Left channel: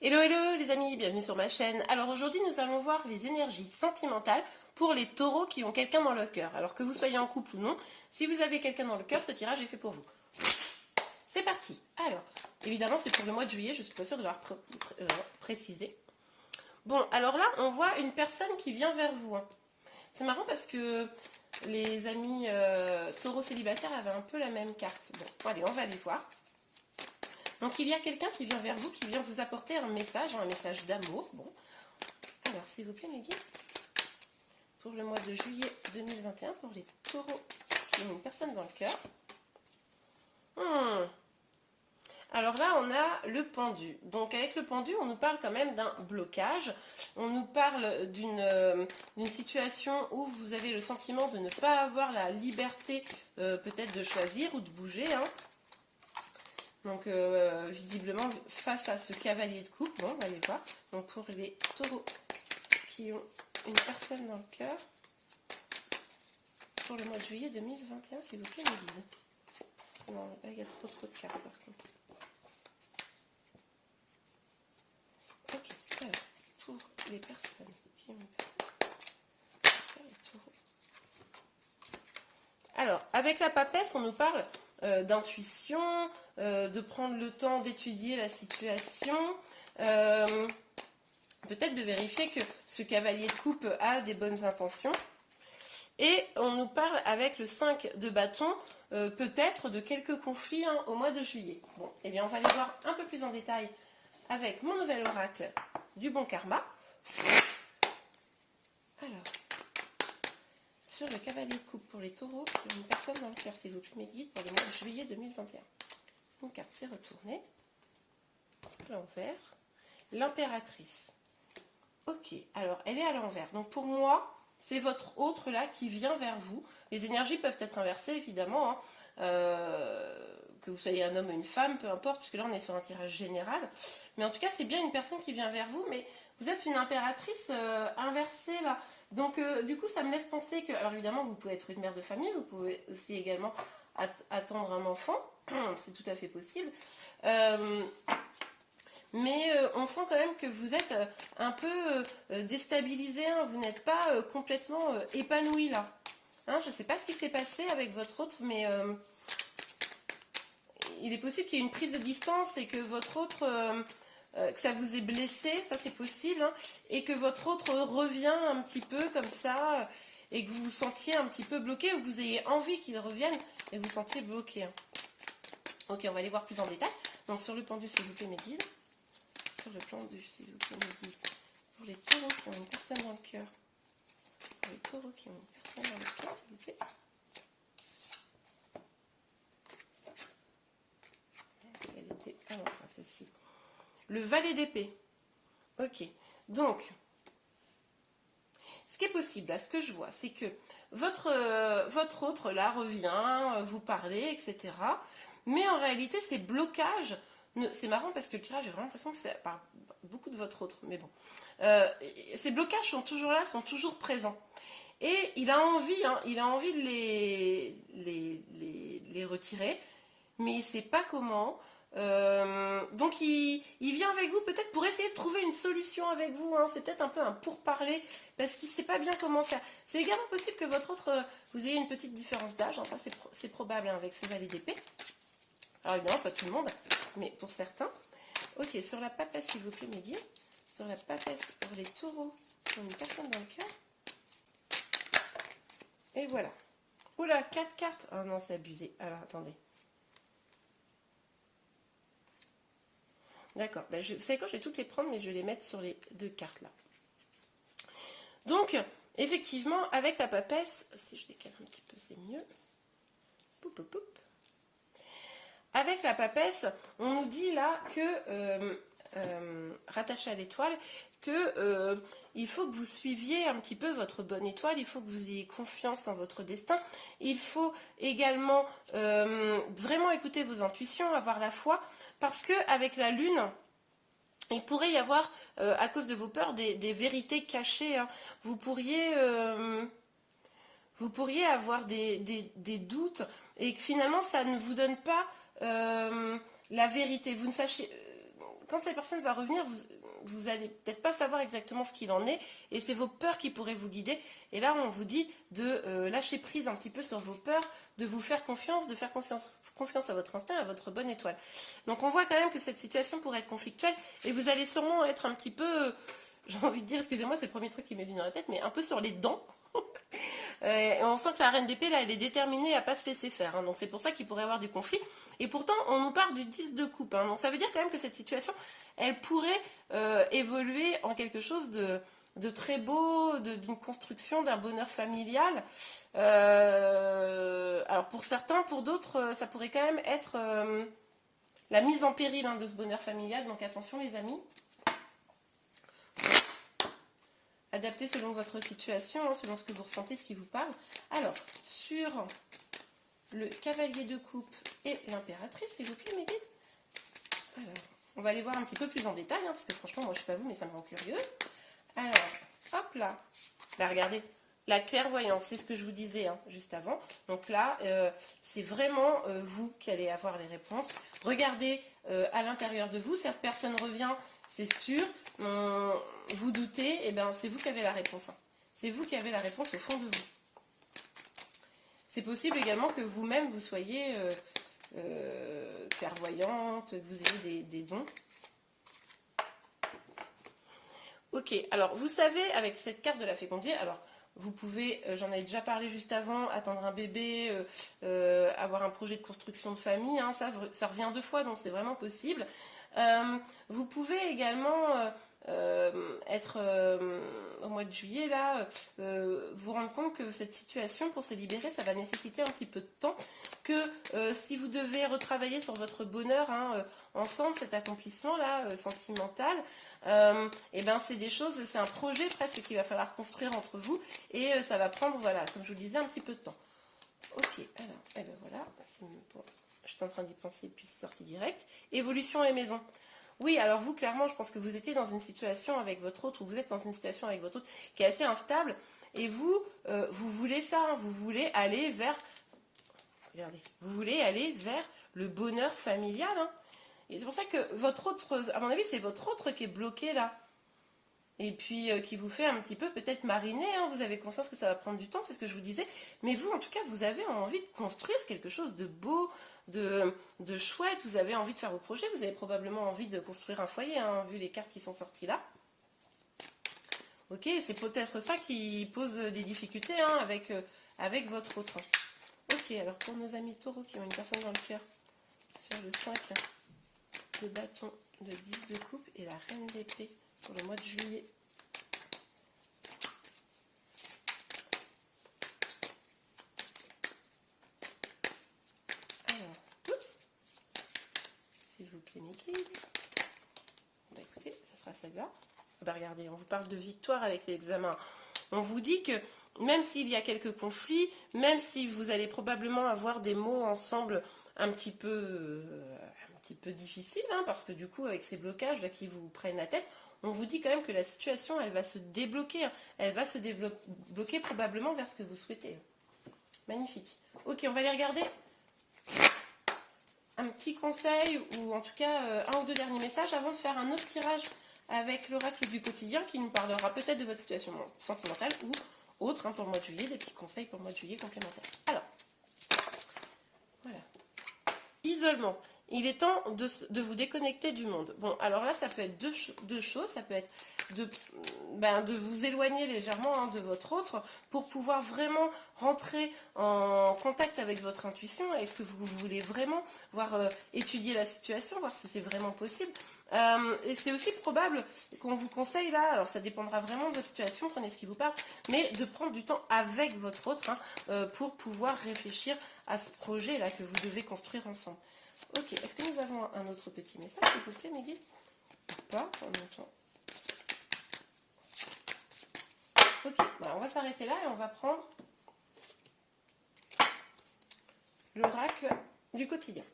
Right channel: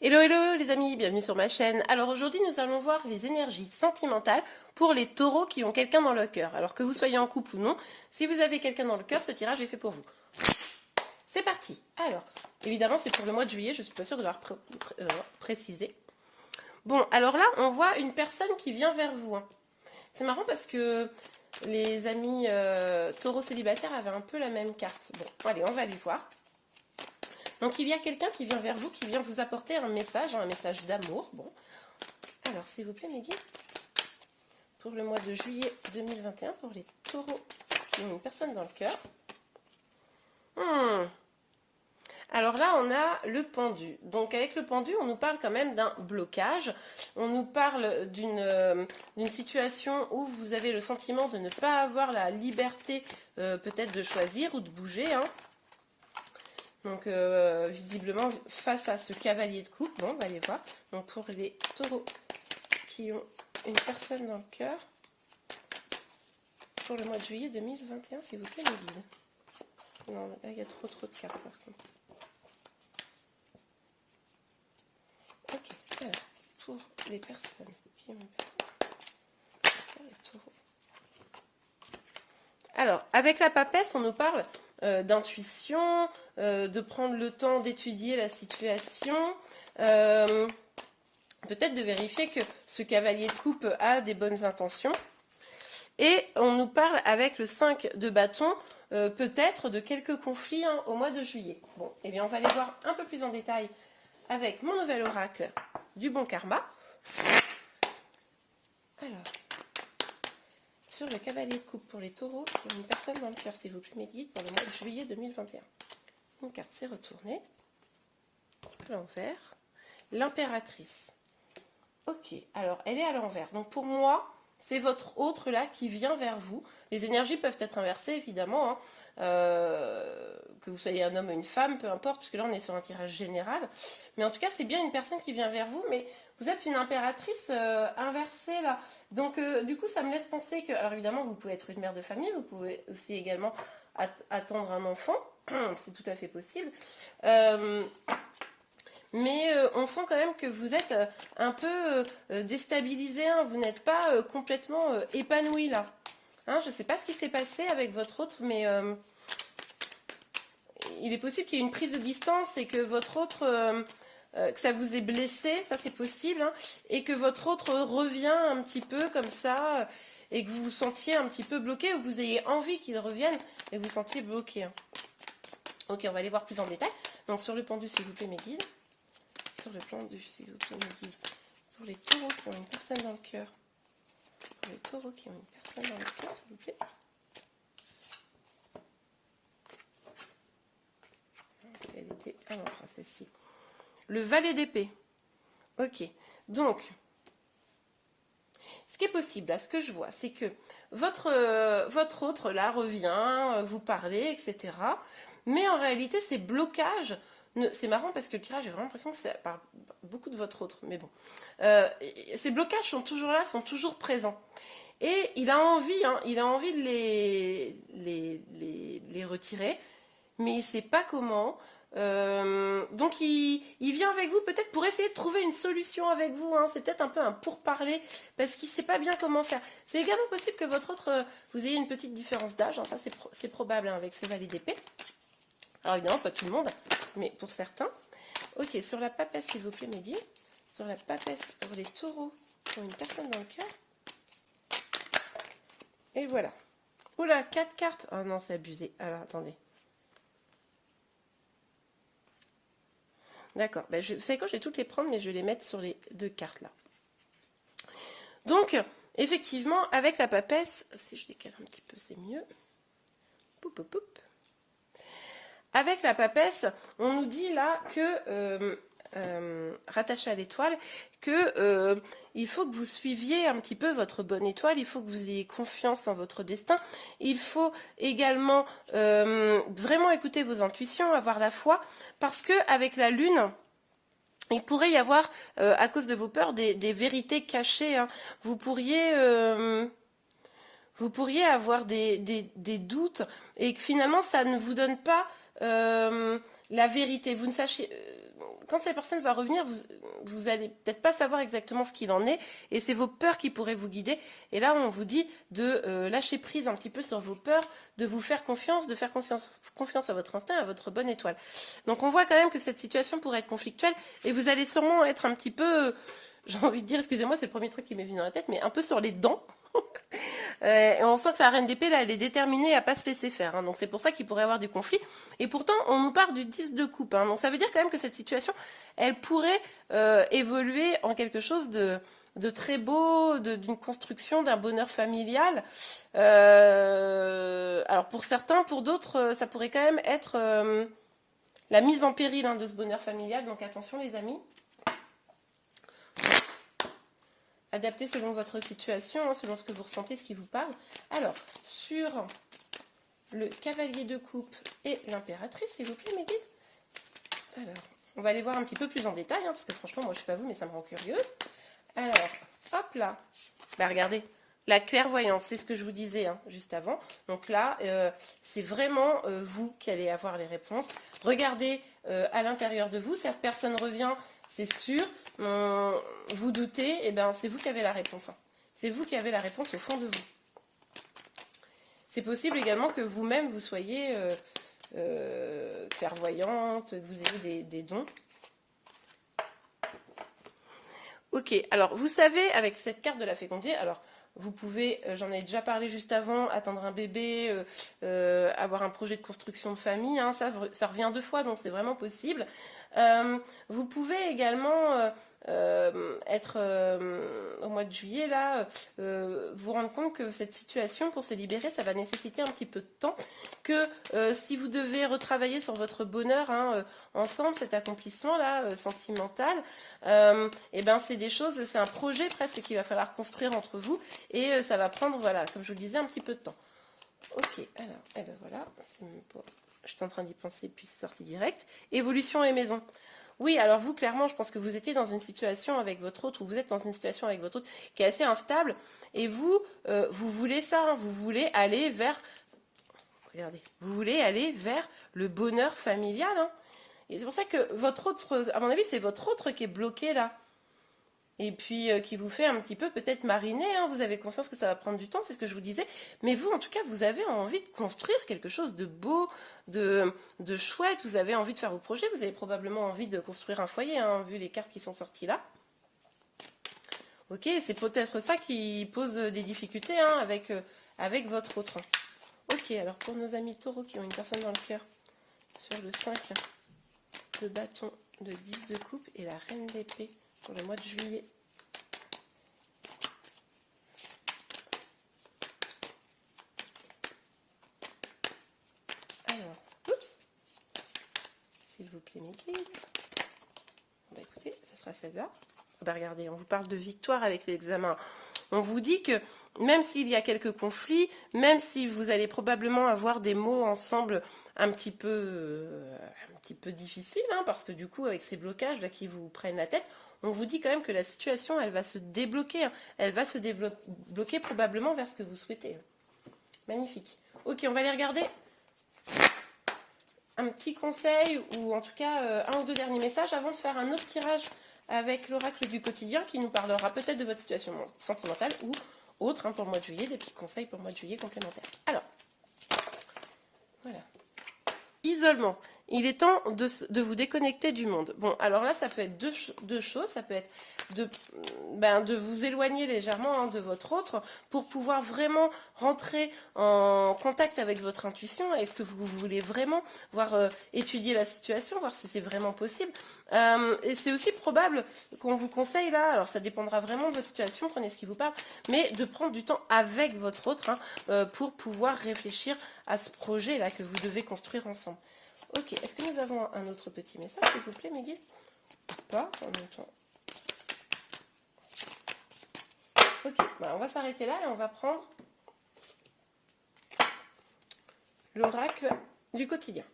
Hello hello les amis, bienvenue sur ma chaîne. Alors aujourd'hui nous allons voir les énergies sentimentales pour les taureaux qui ont quelqu'un dans le cœur. Alors que vous soyez en couple ou non, si vous avez quelqu'un dans le cœur, ce tirage est fait pour vous. C'est parti. Alors, évidemment c'est pour le mois de juillet, je suis pas sûre de l'avoir précisé. Bon, alors là on voit une personne qui vient vers vous. C'est marrant parce que les amis taureaux célibataires avaient un peu la même carte. Bon, allez, on va aller voir. Donc il y a quelqu'un qui vient vers vous, qui vient vous apporter un message d'amour. Bon, alors s'il vous plaît mes guides, pour le mois de juillet 2021, pour les taureaux qui ont une personne dans le cœur. Alors là, on a le pendu. Donc avec le pendu, on nous parle quand même d'un blocage. On nous parle d'une situation où vous avez le sentiment de ne pas avoir la liberté peut-être de choisir ou de bouger. Donc visiblement face à ce cavalier de coupe, bon, on va aller voir. Donc pour les taureaux qui ont une personne dans le cœur, pour le mois de juillet 2021, s'il vous plaît, les guides. Non, là il y a trop de cartes par contre. Ok, alors pour les personnes qui ont une personne, les taureaux. Alors avec la papesse, on nous parle d'intuition, de prendre le temps d'étudier la situation, peut-être de vérifier que ce cavalier de coupe a des bonnes intentions. Et on nous parle avec le 5 de bâton, peut-être de quelques conflits au mois de juillet. Bon, eh bien on va aller voir un peu plus en détail avec mon nouvel oracle du bon karma. Alors, sur le cavalier de coupe pour les taureaux qui ont une personne dans le cœur, s'il vous plaît, mes guides, pour le mois de juillet 2021. Une carte s'est retournée. À l'envers. L'impératrice. Ok, alors elle est à l'envers. Donc pour moi, c'est votre autre là qui vient vers vous. Les énergies peuvent être inversées, évidemment. Que vous soyez un homme ou une femme, peu importe, puisque là on est sur un tirage général. Mais en tout cas, c'est bien une personne qui vient vers vous, mais vous êtes une impératrice inversée là. Donc du coup, ça me laisse penser que, alors évidemment, vous pouvez être une mère de famille, vous pouvez aussi également attendre un enfant, c'est tout à fait possible. Mais on sent quand même que vous êtes un peu déstabilisé, vous n'êtes pas complètement épanoui là. Je ne sais pas ce qui s'est passé avec votre autre, mais il est possible qu'il y ait une prise de distance et que votre autre, que ça vous ait blessé, ça c'est possible, et que votre autre revient un petit peu comme ça, et que vous vous sentiez un petit peu bloqué, ou que vous ayez envie qu'il revienne, et que vous vous sentiez bloqué. Ok, on va aller voir plus en détail. Donc sur le pendu, s'il vous plaît, mes guides. Sur le pendu, s'il vous plaît, mes guides. Pour les taureaux qui ont une personne dans le cœur. Pour les taureaux qui ont une personne dans le cœur, s'il vous plaît. Elle était... Ah non, celle-ci. Le valet d'épée. Ok. Donc, ce qui est possible, là, ce que je vois, c'est que votre autre, là, revient, vous parlez, etc. Mais en réalité, ces blocages... C'est marrant parce que le tirage, j'ai vraiment l'impression que ça parle beaucoup de votre autre. Mais bon. Ces blocages sont toujours là, sont toujours présents. Et il a envie, de les retirer, mais il ne sait pas comment. Donc il vient avec vous peut-être pour essayer de trouver une solution avec vous. C'est peut-être un peu un pourparler parce qu'il ne sait pas bien comment faire. C'est également possible que votre autre, vous ayez une petite différence d'âge. Ça c'est probable avec ce valet d'épée. Alors évidemment pas tout le monde, mais pour certains. Ok, sur la papesse s'il vous plaît mes guides. Sur la papesse pour les taureaux qui ont une personne dans le cœur. Et voilà. Oula, 4 cartes. Oh non, c'est abusé. Alors, attendez. D'accord. Ben, je sais quoi, je vais toutes les prendre, mais je vais les mettre sur les 2 cartes là. Donc, effectivement, avec la papesse, si je décale un petit peu, c'est mieux. Poup, poup, poup. Avec la papesse, on nous dit là que... rattaché à l'étoile, que il faut que vous suiviez un petit peu votre bonne étoile, il faut que vous ayez confiance en votre destin, il faut également vraiment écouter vos intuitions, avoir la foi, parce que avec la lune, il pourrait y avoir, à cause de vos peurs, des vérités cachées. Vous pourriez avoir des doutes et que finalement ça ne vous donne pas la vérité. Vous ne sachiez... quand cette personne va revenir, vous allez peut-être pas savoir exactement ce qu'il en est, et c'est vos peurs qui pourraient vous guider. Et là, on vous dit de lâcher prise un petit peu sur vos peurs, de vous faire confiance, de faire confiance à votre instinct, à votre bonne étoile. Donc on voit quand même que cette situation pourrait être conflictuelle, et vous allez sûrement être un petit peu, j'ai envie de dire, excusez-moi, c'est le premier truc qui m'est venu dans la tête, mais un peu sur les dents. Et on sent que la reine d'épée, là, elle est déterminée à pas se laisser faire. Hein, donc c'est pour ça qu'il pourrait y avoir du conflit. Et pourtant, on nous parle du 10 de coupe. Hein, donc ça veut dire quand même que cette situation, elle pourrait évoluer en quelque chose de très beau, d'une construction, d'un bonheur familial. Alors pour certains, pour d'autres, ça pourrait quand même être la mise en péril hein, de ce bonheur familial. Donc attention les amis. Adapté selon votre situation, hein, selon ce que vous ressentez, ce qui vous parle. Alors, sur le cavalier de coupe et l'impératrice, s'il vous plaît, mes guides. Alors, on va aller voir un petit peu plus en détail, hein, parce que franchement, moi, je ne sais pas vous, mais ça me rend curieuse. Alors, hop là. Bah, regardez, la clairvoyance, c'est ce que je vous disais hein, juste avant. Donc là, c'est vraiment vous qui allez avoir les réponses. Regardez à l'intérieur de vous, cette personne revient... C'est sûr, vous doutez, et ben c'est vous qui avez la réponse. Hein. C'est vous qui avez la réponse au fond de vous. C'est possible également que vous-même vous soyez clairvoyante, que vous ayez des dons. Ok, alors vous savez, avec cette carte de la fécondité, alors vous pouvez, j'en avais déjà parlé juste avant, attendre un bébé, avoir un projet de construction de famille, hein, ça revient 2 fois, donc c'est vraiment possible. Vous pouvez également être au mois de juillet là, vous rendre compte que cette situation pour se libérer ça va nécessiter un petit peu de temps, que si vous devez retravailler sur votre bonheur hein, ensemble, cet accomplissement là sentimental, et ben c'est des choses, c'est un projet presque qu'il va falloir construire entre vous, et ça va prendre, voilà, comme je vous le disais, un petit peu de temps. Ok, alors, et ben voilà, je suis en train d'y penser, puis c'est sorti direct. Évolution et maison. Oui, alors vous, clairement, je pense que vous étiez dans une situation avec votre autre, ou vous êtes dans une situation avec votre autre qui est assez instable, et vous, vous voulez ça, hein, vous voulez aller vers, regardez, vous voulez aller vers le bonheur familial, hein. Et c'est pour ça que votre autre, à mon avis, c'est votre autre qui est bloqué là. Et puis qui vous fait un petit peu peut-être mariner, hein. Vous avez conscience que ça va prendre du temps, c'est ce que je vous disais, mais vous en tout cas vous avez envie de construire quelque chose de beau, de chouette, vous avez envie de faire vos projets, vous avez probablement envie de construire un foyer, hein, vu les cartes qui sont sorties là. Ok, c'est peut-être ça qui pose des difficultés hein, avec votre autre. Ok, alors pour nos amis taureaux qui ont une personne dans le cœur, sur le 5 de bâton, le 10 de coupe et la reine d'épée, pour le mois de juillet. Alors, oups, s'il vous plaît, mes guides. Bah, écoutez, ça sera celle-là. Bah, regardez, on vous parle de victoire avec l'examen. On vous dit que même s'il y a quelques conflits, même si vous allez probablement avoir des mots ensemble un petit peu difficiles, hein, parce que du coup, avec ces blocages là qui vous prennent la tête, on vous dit quand même que la situation, elle va se débloquer. Hein. Elle va se débloquer probablement vers ce que vous souhaitez. Magnifique. Ok, on va aller regarder un petit conseil, ou en tout cas un ou deux derniers messages, avant de faire un autre tirage avec l'oracle du quotidien, qui nous parlera peut-être de votre situation sentimentale, ou autre, hein, pour le mois de juillet, des petits conseils pour le mois de juillet complémentaires. Alors, voilà. Isolement. Il est temps de vous déconnecter du monde. Bon, alors là, ça peut être deux choses. Ça peut être de vous éloigner légèrement hein, de votre autre pour pouvoir vraiment rentrer en contact avec votre intuition. Est-ce que vous voulez vraiment voir étudier la situation, voir si c'est vraiment possible. Et c'est aussi probable qu'on vous conseille là, alors ça dépendra vraiment de votre situation, prenez ce qui vous parle, mais de prendre du temps avec votre autre hein, pour pouvoir réfléchir à ce projet là que vous devez construire ensemble. Ok, est-ce que nous avons un autre petit message, s'il vous plaît, mes guides? Pas en même temps. Ok, bah on va s'arrêter là et on va prendre l'oracle du quotidien.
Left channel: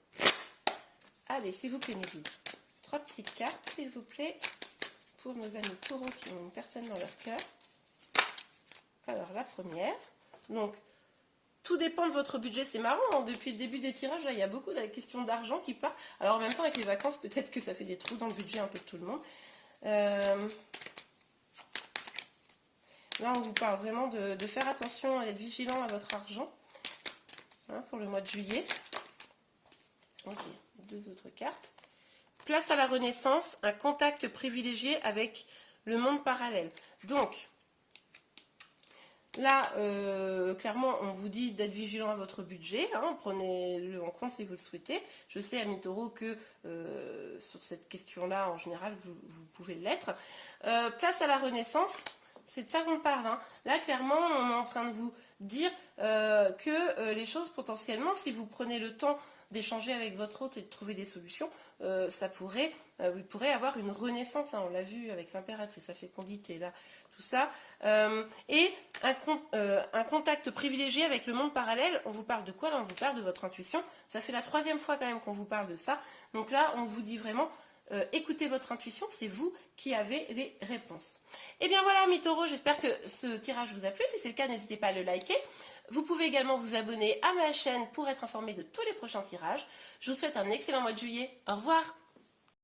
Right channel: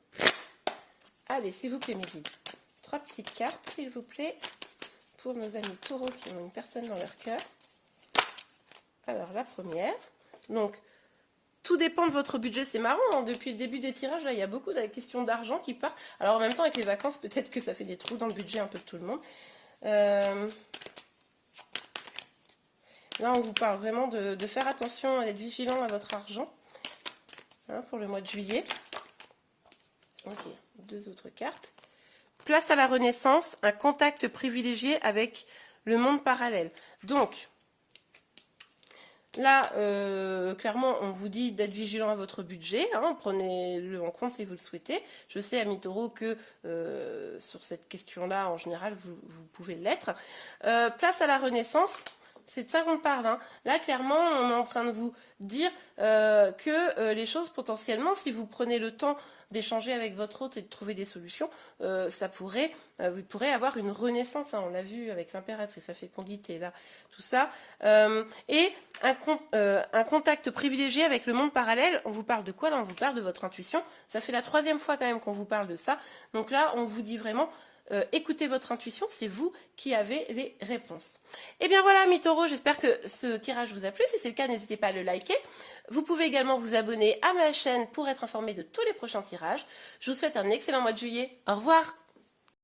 Allez, s'il vous plaît, mes guides. 3 petites cartes, s'il vous plaît, pour nos amis taureaux qui ont une personne dans leur cœur. Alors, la première, donc, tout dépend de votre budget. C'est marrant, hein, depuis le début des tirages, là, il y a beaucoup de questions d'argent qui partent. Alors en même temps, avec les vacances, peut-être que ça fait des trous dans le budget un peu de tout le monde. Là, on vous parle vraiment de faire attention, d'être vigilant à votre argent, hein, pour le mois de juillet. Ok, 2 autres cartes. Place à la renaissance, un contact privilégié avec le monde parallèle. Donc, là, clairement, on vous dit d'être vigilant à votre budget. Hein, prenez-le en compte si vous le souhaitez. Je sais, amis taureaux, que sur cette question-là, en général, vous pouvez l'être. Place à la renaissance. C'est de ça qu'on parle. Hein. Là, clairement, on est en train de vous dire que les choses, potentiellement, si vous prenez le temps d'échanger avec votre hôte et de trouver des solutions, vous pourrez avoir une renaissance. Hein. On l'a vu avec l'impératrice, la fécondité, là, tout ça. Et un contact privilégié avec le monde parallèle. On vous parle de quoi là? On vous parle de votre intuition. Ça fait la 3e fois quand même qu'on vous parle de ça. Donc là, on vous dit vraiment... écoutez votre intuition, c'est vous qui avez les réponses. Et bien voilà, mes taureaux, j'espère que ce tirage vous a plu. Si c'est le cas, n'hésitez pas à le liker. Vous pouvez également vous abonner à ma chaîne pour être informé de tous les prochains tirages. Je vous souhaite un excellent mois de juillet. Au revoir!